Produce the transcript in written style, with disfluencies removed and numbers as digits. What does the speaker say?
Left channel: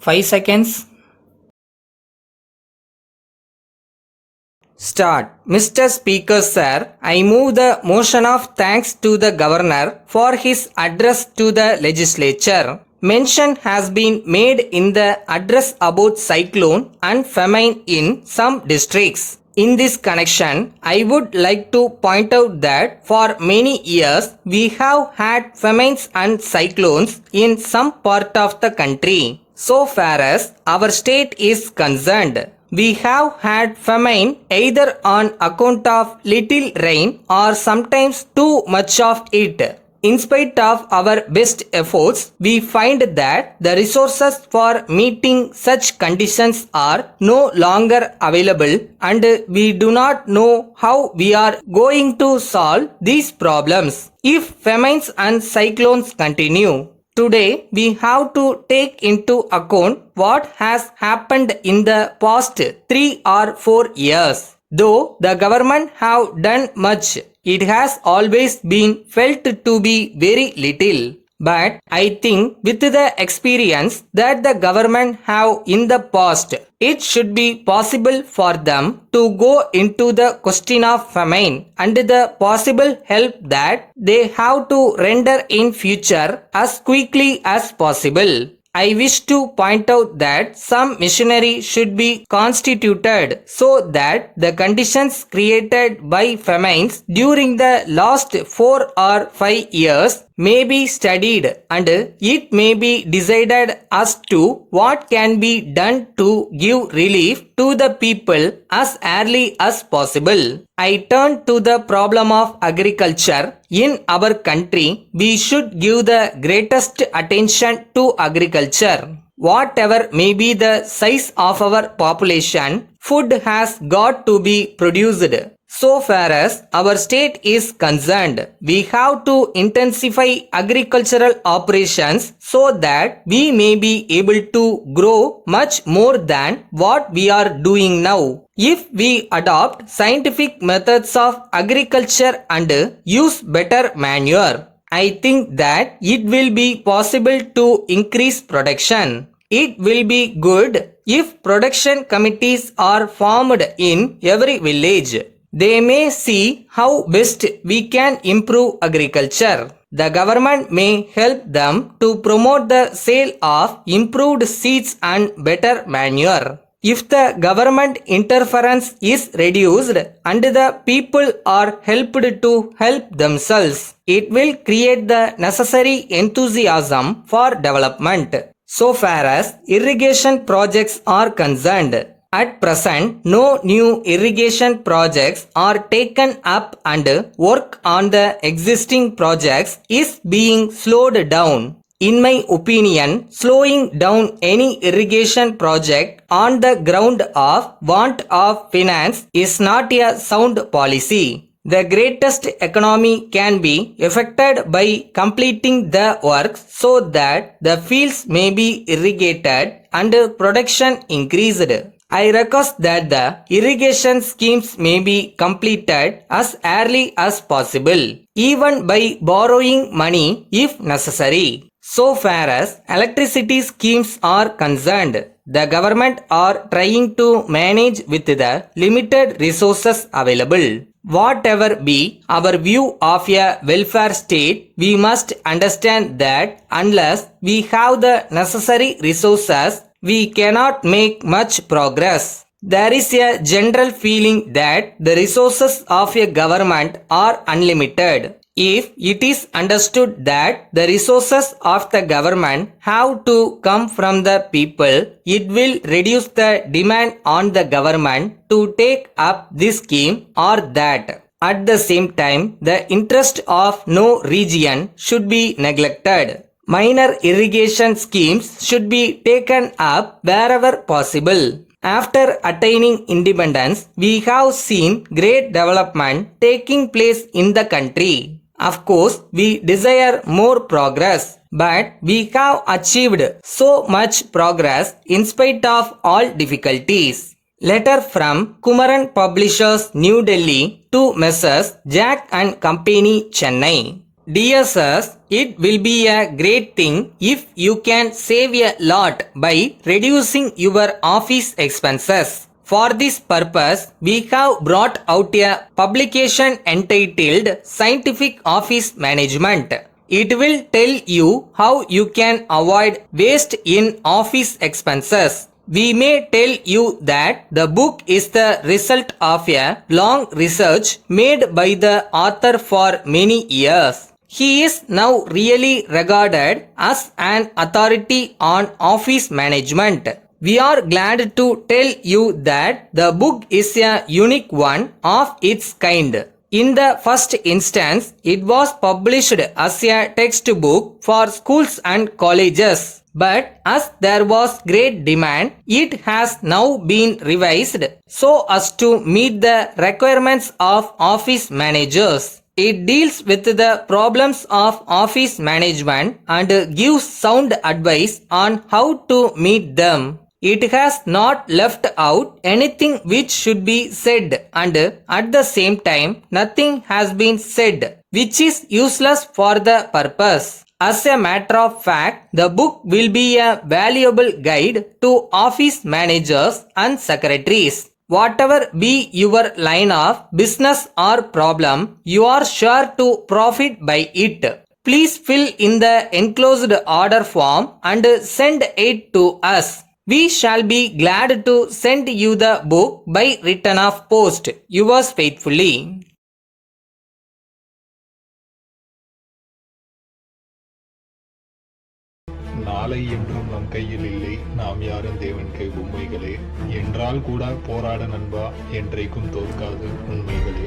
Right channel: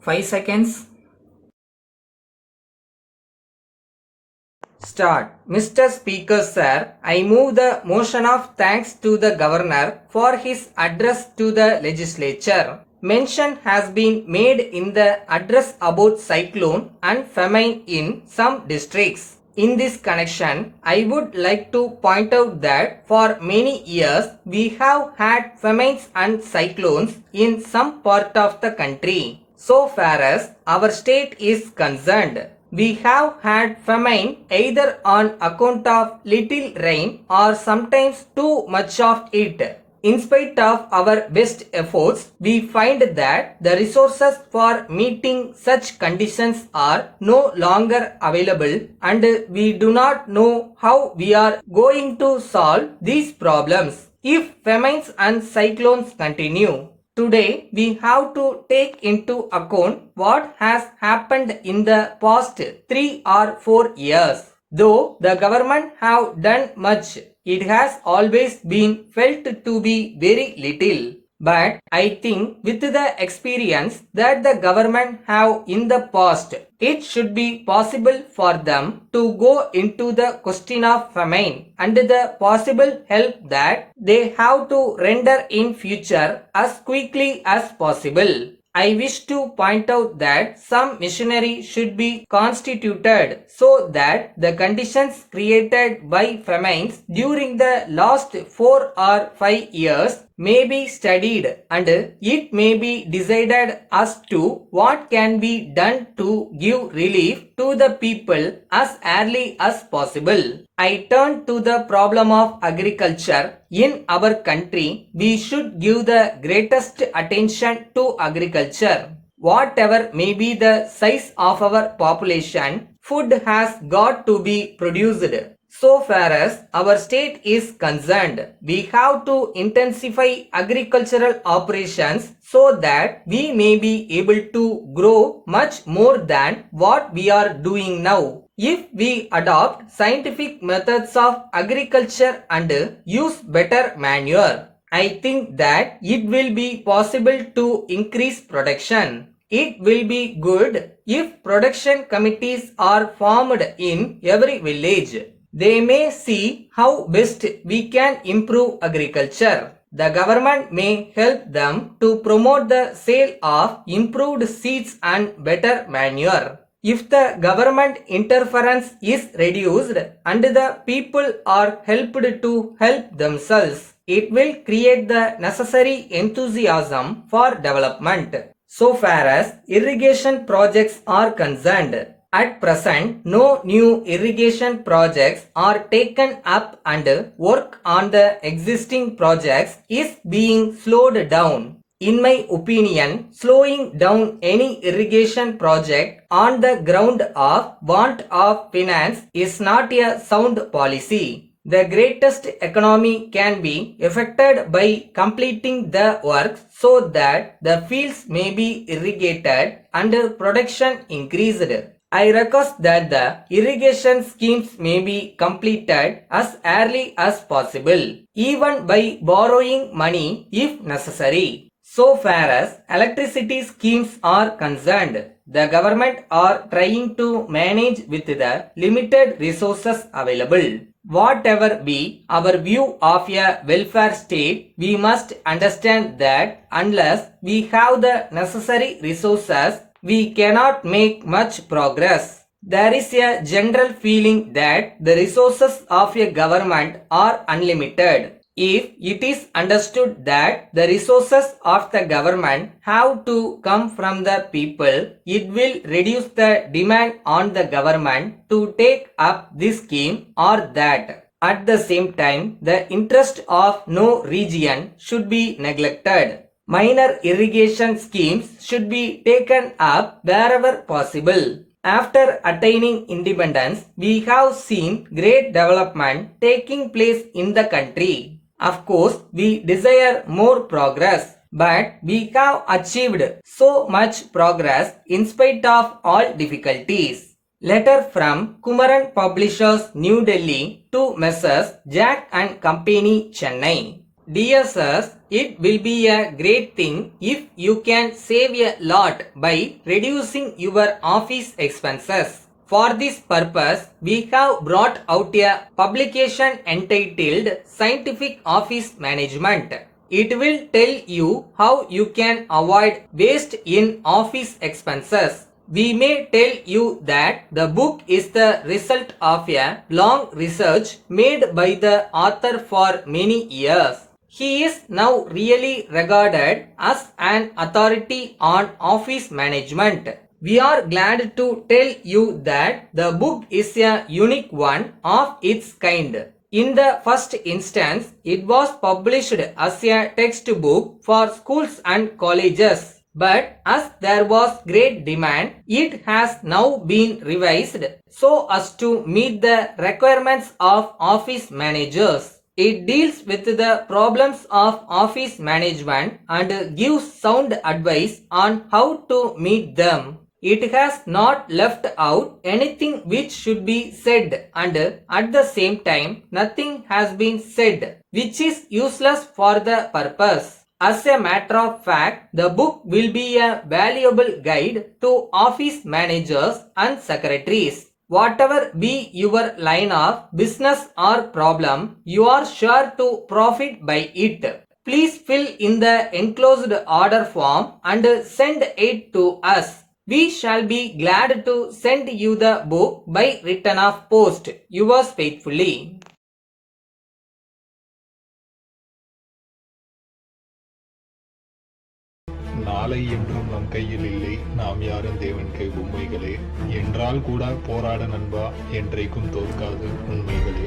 5 seconds. Start. Mr. Speaker Sir, I move the motion of thanks to the Governor for his address to the legislature. Mention has been made in the address about cyclone and famine in some districts. In this connection, I would like to point out that for many years we have had famines and cyclones in some part of the country. So far as our state is concerned, we have had famine either on account of little rain or sometimes too much of it. In spite of our best efforts, we find that the resources for meeting such conditions are no longer available, and we do not know how we are going to solve these problems if famines and cyclones continue. Today, we have to take into account what has happened in the past 3 or 4 years. Though the government have done much, it has always been felt to be very little. But I think with the experience that the government have in the past, it should be possible for them to go into the question of famine and the possible help that they have to render in future as quickly as possible. I wish to point out that some machinery should be constituted so that the conditions created by famines during the last 4 or 5 years may be studied and it may be decided as to what can be done to give relief to the people as early as possible. I turn to the problem of agriculture. In our country, we should give the greatest attention to agriculture. Whatever may be the size of our population, food has got to be produced. So far as our state is concerned, we have to intensify agricultural operations so that we may be able to grow much more than what we are doing now. If we adopt scientific methods of agriculture and use better manure, I think that it will be possible to increase production. It will be good if production committees are formed in every village. They may see how best we can improve agriculture. The government may help them to promote the sale of improved seeds and better manure. If the government interference is reduced and the people are helped to help themselves, it will create the necessary enthusiasm for development. So far as irrigation projects are concerned, at present, no new irrigation projects are taken up and work on the existing projects is being slowed down. In my opinion, slowing down any irrigation project on the ground of want of finance is not a sound policy. The greatest economy can be effected by completing the works so that the fields may be irrigated and production increased. I request that the irrigation schemes may be completed as early as possible, even by borrowing money if necessary. So far as electricity schemes are concerned, the government are trying to manage with the limited resources available. Whatever be our view of a welfare state, we must understand that unless we have the necessary resources, we cannot make much progress. There is a general feeling that the resources of a government are unlimited. If it is understood that the resources of the government have to come from the people, it will reduce the demand on the government to take up this scheme or that. At the same time, the interest of no region should be neglected. Minor irrigation schemes should be taken up wherever possible. After attaining independence, we have seen great development taking place in the country. Of course, we desire more progress, but we have achieved so much progress in spite of all difficulties. Letter from Kumaran Publishers, New Delhi to Messrs. Jack and Company, Chennai. Dear sirs, it will be a great thing if you can save a lot by reducing your office expenses. For this purpose, we have brought out a publication entitled Scientific Office Management. It will tell you how you can avoid waste in office expenses. We may tell you that the book is the result of a long research made by the author for many years. He is now really regarded as an authority on office management. We are glad to tell you that the book is a unique one of its kind. In the first instance, it was published as a textbook for schools and colleges. But as there was great demand, it has now been revised so as to meet the requirements of office managers. It deals with the problems of office management and gives sound advice on how to meet them. It has not left out anything which should be said, and at the same time nothing has been said which is useless for the purpose. As a matter of fact, the book will be a valuable guide to office managers and secretaries. Whatever be your line of business or problem, you are sure to profit by it. Please fill in the enclosed order form and send it to us. We shall be glad to send you the book by return of post. Yours faithfully. நாளை என்றும் நம் கையில் இல்லை, நாம் யாரும் தேவன் கை பொம்மைகளே. என்றால் கூட போராட நண்பா, என்றைக்கும் தோற்காது உண்மைகளே.